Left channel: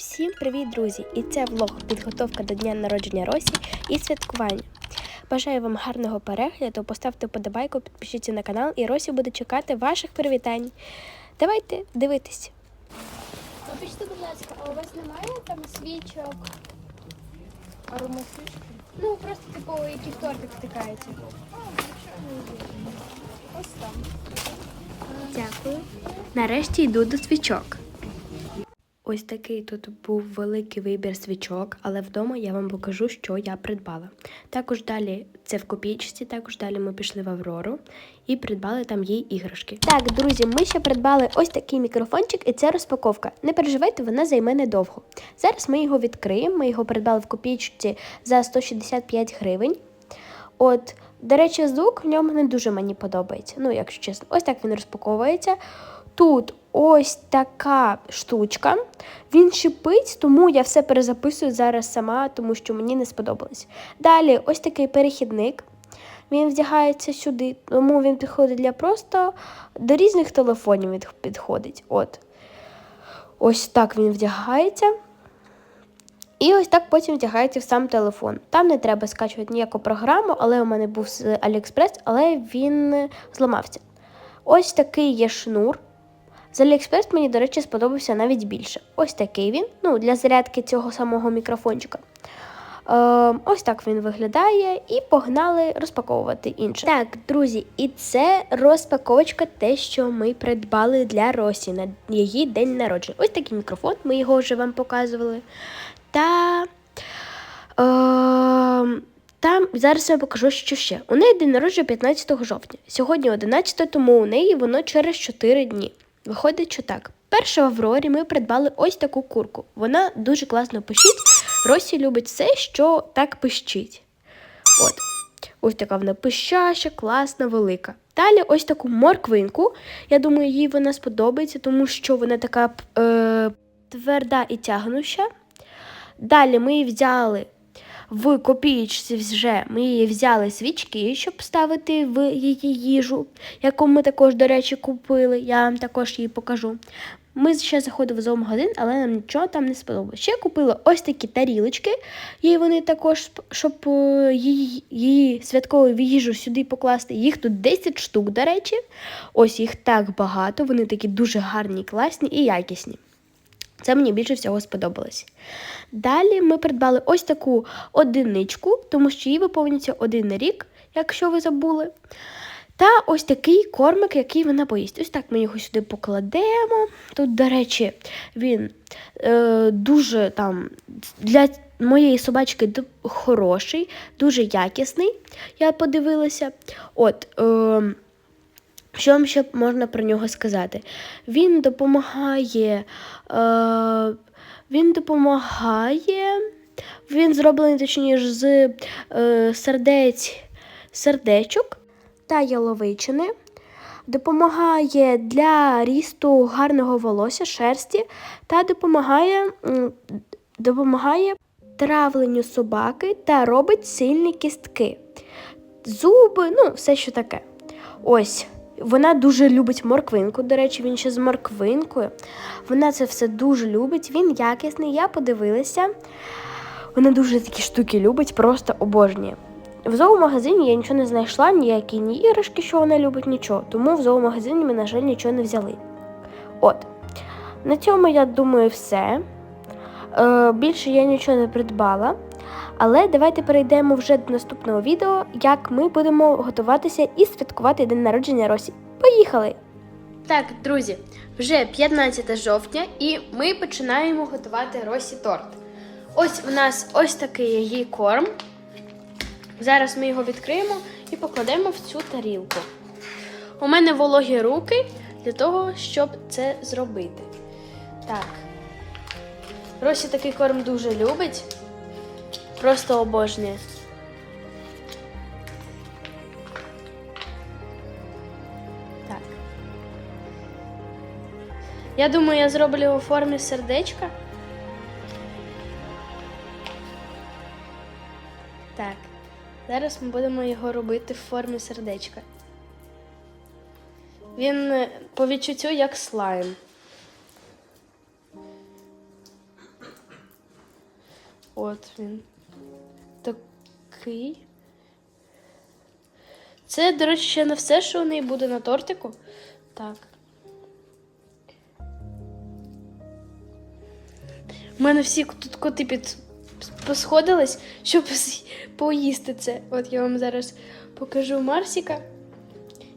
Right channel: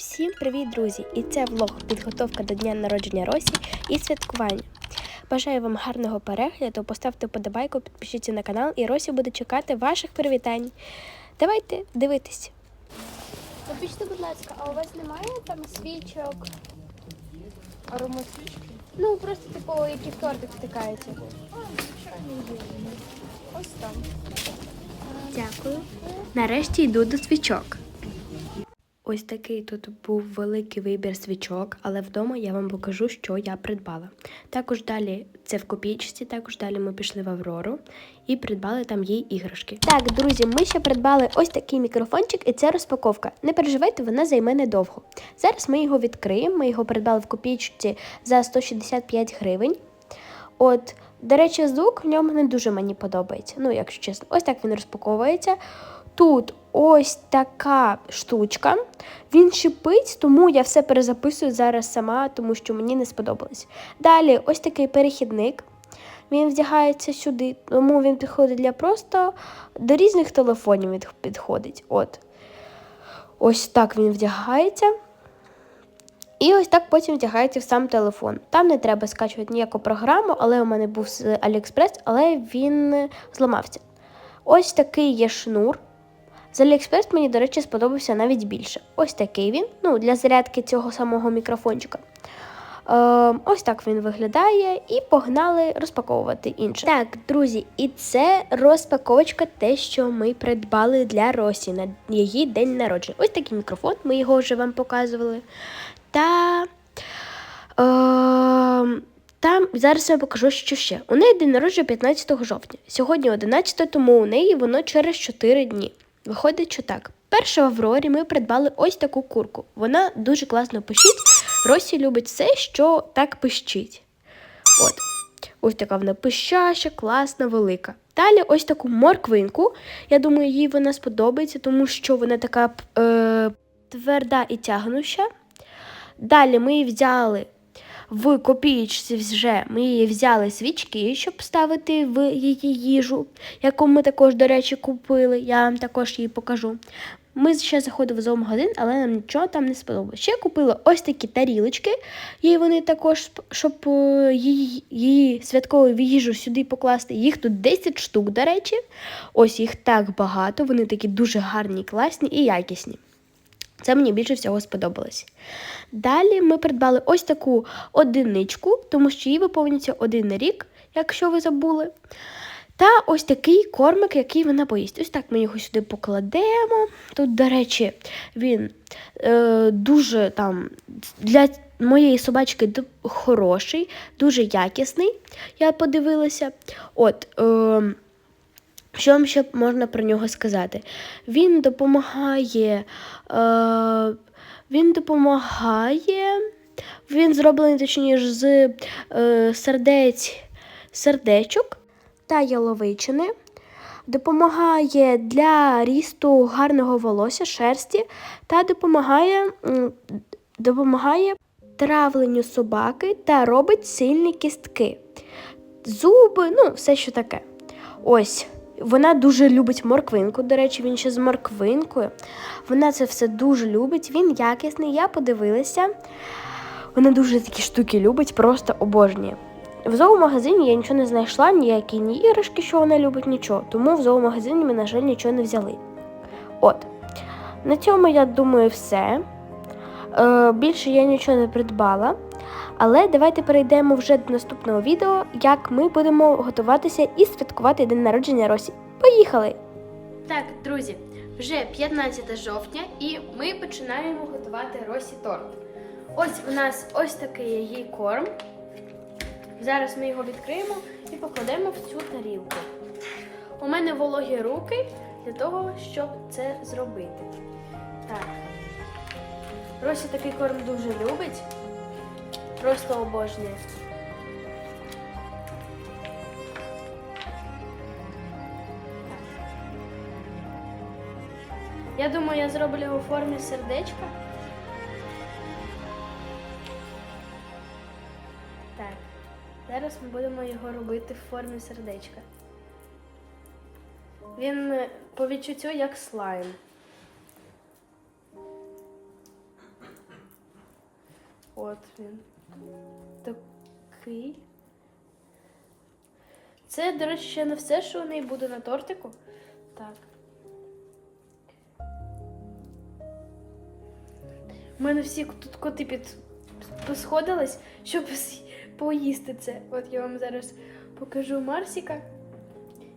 Всім привіт, друзі! І це влог підготовка до дня народження Росі і святкування. Бажаю вам гарного перегляду, поставте вподобайку, підпишіться на канал, і Росі буде чекати ваших привітань. Давайте дивитись. Вибачте, будь ласка, а у вас немає там свічок? Аромасвічки? Ну, просто типу, які в тортик втикаєте. Ось там. Дякую. Нарешті йду до свічок. Ось такий тут був великий вибір свічок, але вдома я вам покажу, що я придбала. Також далі це в копійчці, також далі ми пішли в Аврору і придбали там їй іграшки. Так, друзі, ми ще придбали ось такий мікрофончик, і це розпаковка. Не переживайте, вона займе недовго. Зараз ми його відкриємо. Ми його придбали в копійчці за 165 гривень. От, до речі, звук в ньому не дуже мені подобається. Ну, якщо чесно, ось так він розпаковується. Тут ось така штучка. Він шипить, тому я все перезаписую зараз сама, тому що мені не сподобалось. Далі ось такий перехідник. Він вдягається сюди, тому він підходить для просто до різних телефонів він підходить. От. Ось так він вдягається. І ось так потім вдягається в сам телефон. Там не треба скачувати ніяку програму, але у мене був з AliExpress, але він зламався. Ось такий є шнур. З AliExpress мені, до речі, сподобався навіть більше. Ось такий він, ну, для зарядки цього самого мікрофончика. Е, ось так він виглядає, і погнали розпаковувати інше. Так, друзі, і це розпаковочка, те, що ми придбали для Росі на її день народження. Ось такий мікрофон, ми його вже вам показували. Та. Е, там зараз я покажу, що ще. У неї день народження 15 жовтня. Сьогодні 11, тому у неї воно через 4 дні. Виходить, що так. Перше в Аврорі ми придбали ось таку курку. Вона дуже класно пищить. Росі любить все, що так пищить. От. Ось така вона пищаща, класна, велика. Далі ось таку морквинку. Я думаю, їй вона сподобається, тому що вона така е, тверда і тягнуща. Далі ми взяли в копієчці вже ми взяли свічки, щоб ставити в її їжу, яку ми також, до речі, купили. Я вам також її покажу. Ми ще заходили в зоомагазин, але нам нічого там не сподобалося. Ще купила ось такі тарілочки, їй вони також, щоб е, її, її святкову їжу сюди покласти. Їх тут 10 штук, до речі. Ось їх так багато, вони такі дуже гарні, класні і якісні. Це мені більше всього сподобалось. Далі ми придбали ось таку одиничку, тому що їй виповнюється один рік, якщо ви забули. Та ось такий кормик, який вона поїсть. Ось так ми його сюди покладемо. Тут, до речі, він е, дуже там для моєї собачки хороший, дуже якісний. Я подивилася. От. Е, що вам ще можна про нього сказати? Він допомагає. Е, він допомагає. Він зроблений, точніше, з е, сердець, сердечок та яловичини. Допомагає для рісту гарного волосся, шерсті та допомагає, допомагає травленню собаки та робить сильні кістки. Зуби, ну, все що таке. Ось. Вона дуже любить морквинку. До речі, він ще з морквинкою. Вона це все дуже любить. Він якісний, я подивилася. Вона дуже такі штуки любить, просто обожнює. В зоомагазині я нічого не знайшла, ніякі ні іграшки, що вона любить, нічого. Тому в зоомагазині ми, на жаль, нічого не взяли. От. На цьому, я думаю, все. Е, більше я нічого не придбала. Але давайте перейдемо вже до наступного відео, як ми будемо готуватися і святкувати день народження Росі. Поїхали! Так, друзі, вже 15 жовтня, і ми починаємо готувати Росі торт. Ось у нас ось такий її корм. Зараз ми його відкриємо і покладемо в цю тарілку. У мене вологі руки для того, щоб це зробити. Так. Росі такий корм дуже любить. Просто обожнює. Я думаю, я зроблю у формі сердечка. Так. Зараз ми будемо його робити в формі сердечка. Він е, по відчуттю як слайм. От він. Такий. Це, до речі, ще не все, що у неї буде на тортику. Так. У мене всі тут коти під посходились, щоб поїсти це. От я вам зараз покажу Марсіка,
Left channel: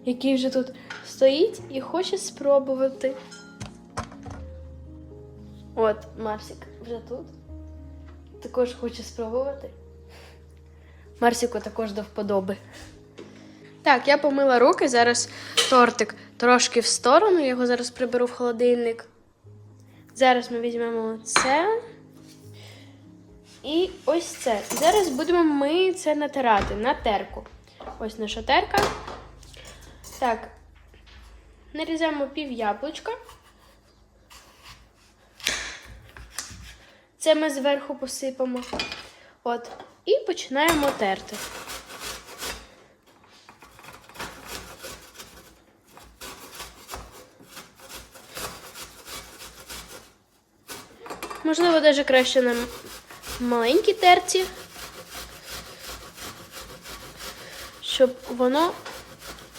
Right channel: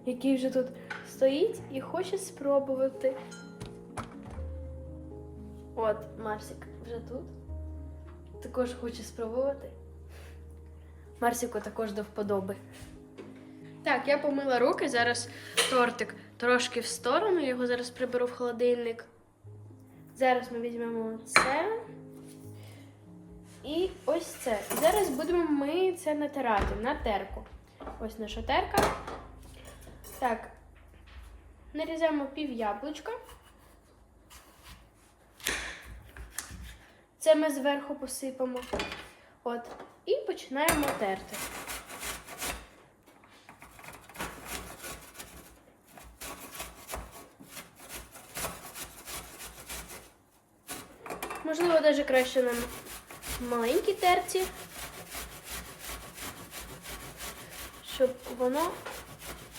який вже тут стоїть і хоче спробувати. От, Марсик вже тут. Також хоче спробувати. Марсику також до вподоби. Так, я помила руки, зараз тортик трошки в сторону, я його зараз приберу в холодильник. Зараз ми візьмемо це. І ось це. І зараз будемо ми це натирати на терку. Ось наша терка. Так. Нарізаємо пів яблучка. Це ми зверху посипемо. От. І починаємо терти. Можливо, навіть краще на маленькій терці, щоб воно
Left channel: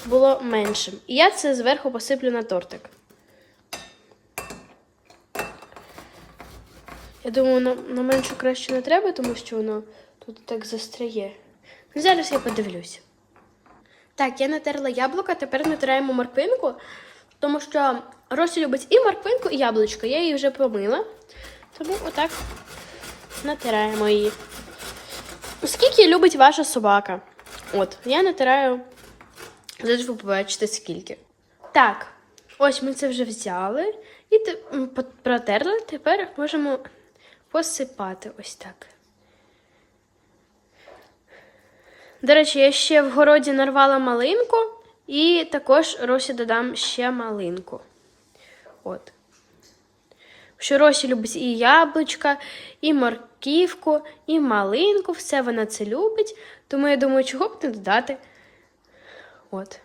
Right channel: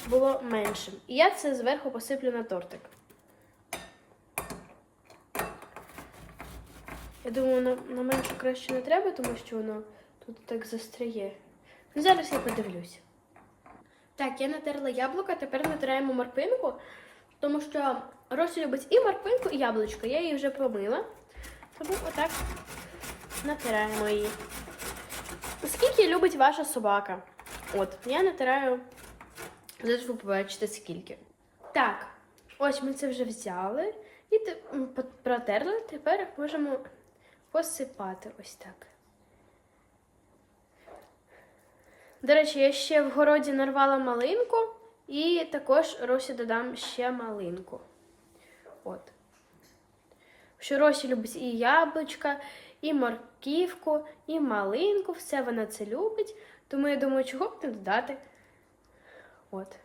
було меншим. І я це зверху посиплю на тортик. Я думаю, на, на меншу краще не треба, тому що воно тут так застряє. Ну, Зараз я подивлюся. Так, я натерла яблука, тепер натираємо морквинку, тому що Росі любить і морквинку, і яблучко. Я її вже помила. Тому отак натираємо її. Скільки любить ваша собака? От, я натираю. Зараз ви побачите скільки. Так, ось ми це вже взяли і те- протерли. Тепер можемо посипати ось так. До речі, я ще в городі нарвала малинку і також Росі додам ще малинку. От. Що Росі любить і яблучка, і морківку, і малинку, все вона це любить. Тому я думаю, чого б не додати. От.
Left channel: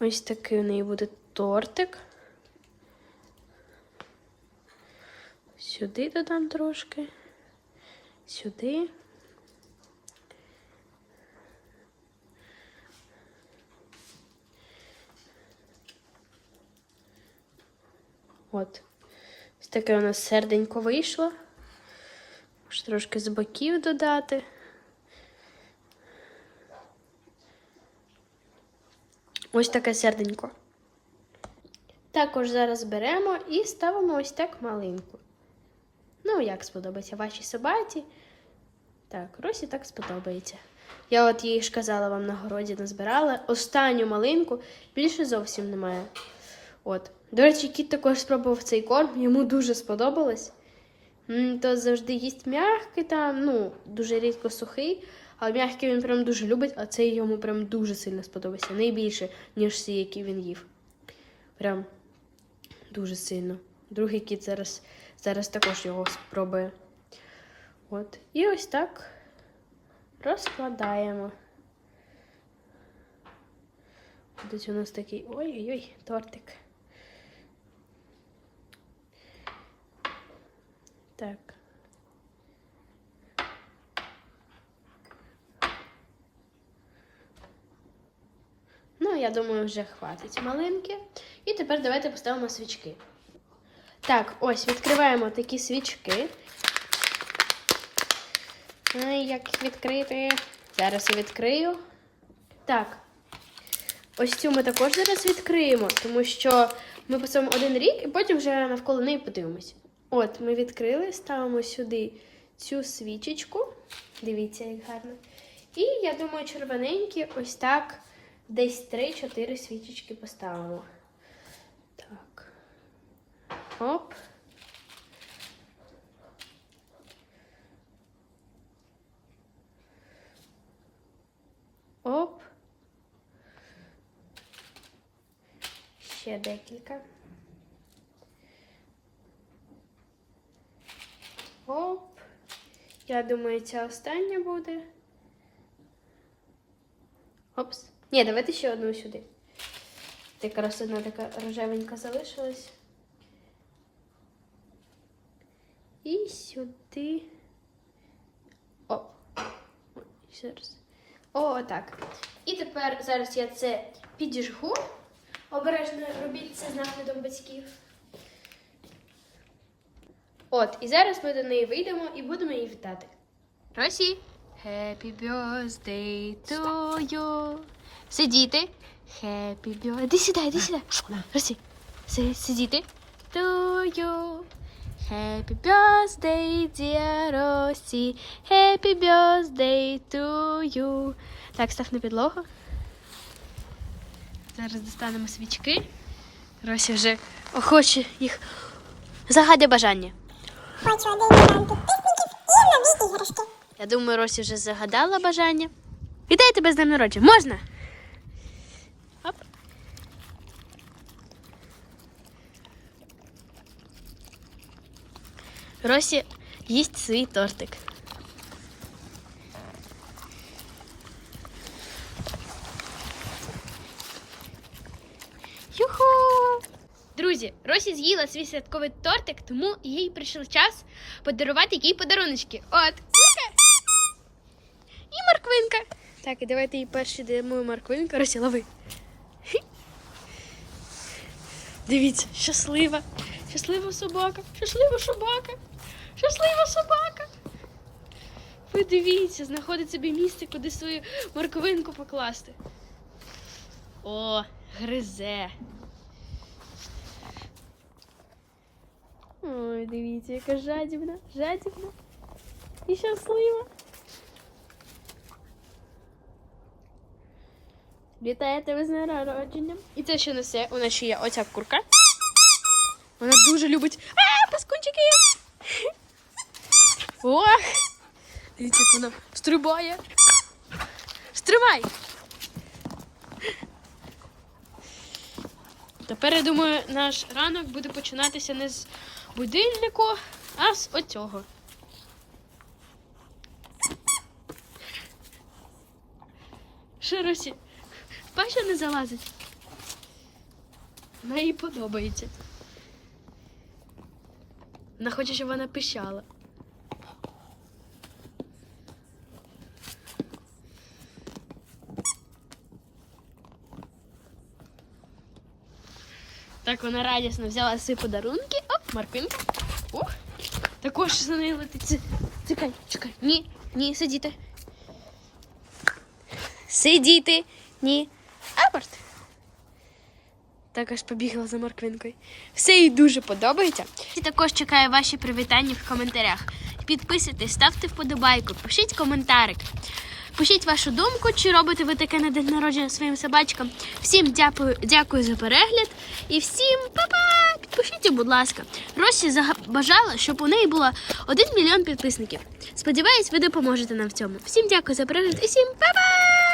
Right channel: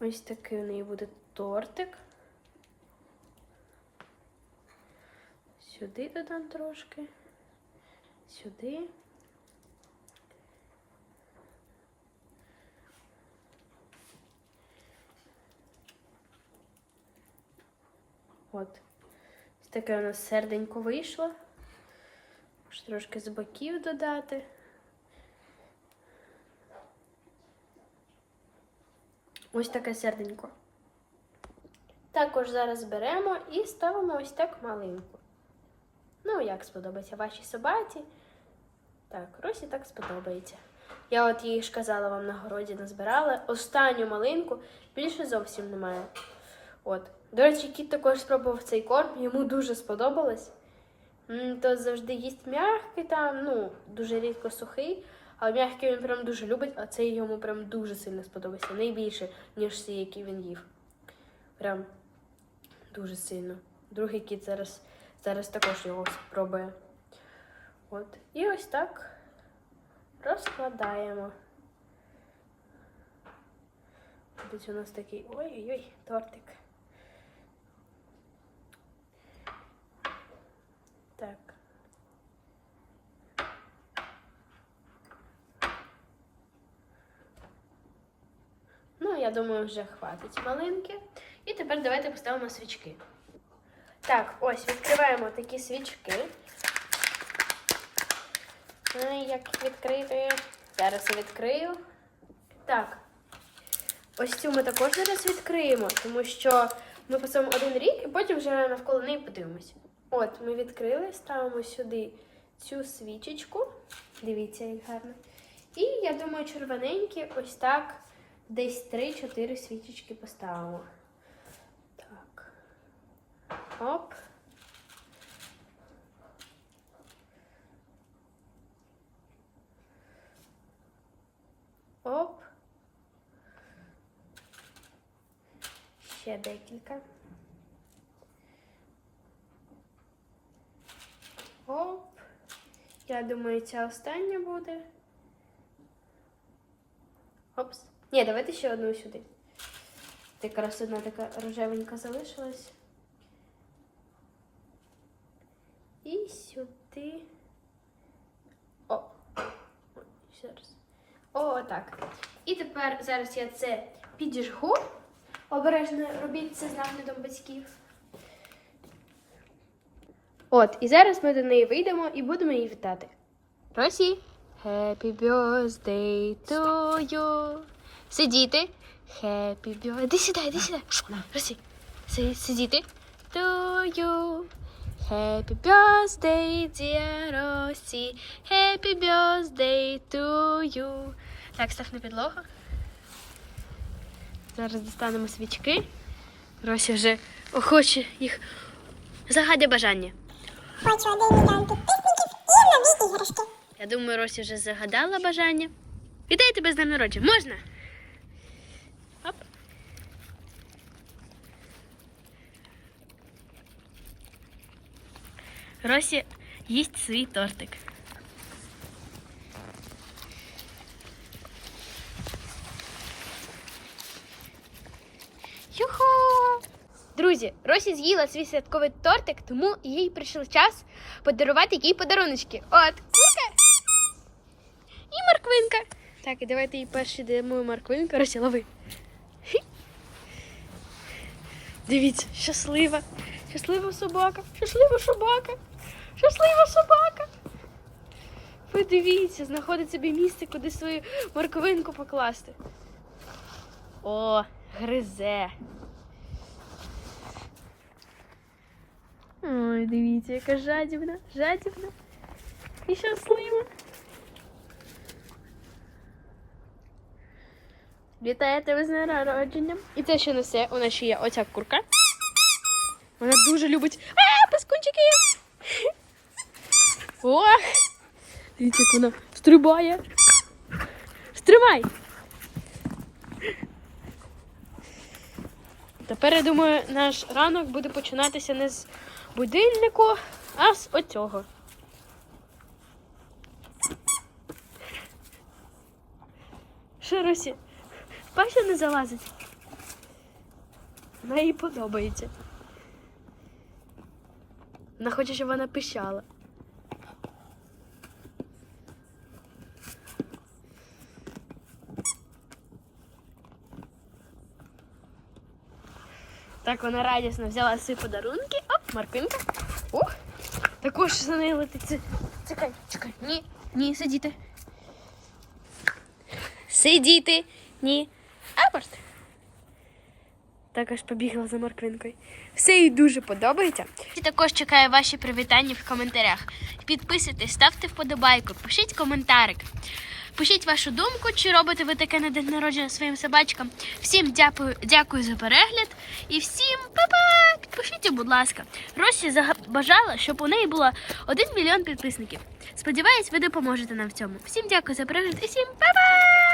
Ось такий у неї буде тортик. Сюди додам трошки. Сюди. От. Ось таке у нас серденько вийшло. Може трошки з боків додати. Ось таке серденько. Також зараз беремо і ставимо ось так малинку. Ну, як сподобається вашій собаці. Так, Росі так сподобається. Я от їй ж казала вам на городі назбирала. Останню малинку більше зовсім немає. От. До речі, кіт також спробував цей корм, йому дуже сподобалось. То завжди їсть м'який там, ну, дуже рідко сухий, а м'який він прям дуже любить, а цей йому прям дуже сильно сподобався. Найбільше, ніж всі, які він їв. Прям дуже сильно. Другий кіт зараз, зараз також його спробує. От. І ось так розкладаємо. Десь у нас такий ой-ой-ой, тортик. Так. Ну, я думаю, вже хватить малинки. І тепер давайте поставимо свічки. Так, ось відкриваємо такі свічки. Ну, і як відкрити? Зараз я відкрию. Так. Ось цю ми також зараз відкриємо, тому що ми поставимо один рік і потім вже навколо неї подивимось. От, ми відкрили, ставимо сюди цю свічечку. Дивіться, як гарно. І я думаю, червоненькі ось так десь 3-4 свічечки поставимо. Оп. Оп. Ще декілька. Оп. Я думаю, ця остання буде. Опс. Ні, давайте ще одну сюди. Якраз одна така рожевенька залишилась. І сюди. О. Зараз. О, так. І тепер зараз я це підіжгу. Обережно робіть це з наглядом батьків. От, і зараз ми до неї вийдемо і будемо її вітати. Росі, happy birthday to you. Сидіти. Happy birthday. Іди сюди, іди сюди. Росі. Сидіти. To you. Happy birthday, dear Росі. Happy birthday to you. Так, став на підлогу. Зараз достанемо свічки. Росі вже охоче їх. Загадя бажання. Хочу один мільйон підписників і нові іграшки. Я думаю, Росі вже загадала бажання. Вітаю тебе з днем народження. Можна? Росі їсть свій тортик. Юху! Друзі, Росі з'їла свій святковий тортик, тому їй прийшов час подарувати їй подаруночки. От, курка і морквинка. Так, і давайте їй перші даємо морквинку. Росі, лови. Дивіться, щаслива. Щаслива собака. Щаслива собака. Щаслива собака. Подивіться, знаходить собі місце, куди свою морквинку покласти. О, гризе. Ой, дивіться, яка жадібна, жадібна і щаслива. Вітаю тебе з днем народження. І це що несе? У нас ще є оця курка. Вона дуже любить. А, паскунчики! Ох! Дивіться, як вона стрибає. Стривай! Тепер, я думаю, наш ранок буде починатися не з будильнику, а з оцього. Що, Росі? Паша не залазить. Вона їй подобається. Вона хоче, щоб вона пищала. Так, вона радісно взяла свої подарунки. Оп, морквинка. Ох, також за нею летить. Чекай, чекай. Ні, ні, сидіти. Сидіти. Ні. Апорт. Також побігла за морквинкою. Все їй дуже подобається. І також чекаю ваші привітання в коментарях. Підписуйтесь, ставте вподобайку, пишіть коментарик. Пишіть вашу думку, чи робите ви таке на день народження своїм собачкам. Всім дякую, дякую за перегляд і всім па-па! Підпишіться, будь ласка. Росі бажала, щоб у неї було 1 мільйон підписників. Сподіваюсь, ви допоможете нам в цьому. Всім дякую за перегляд і всім па-па!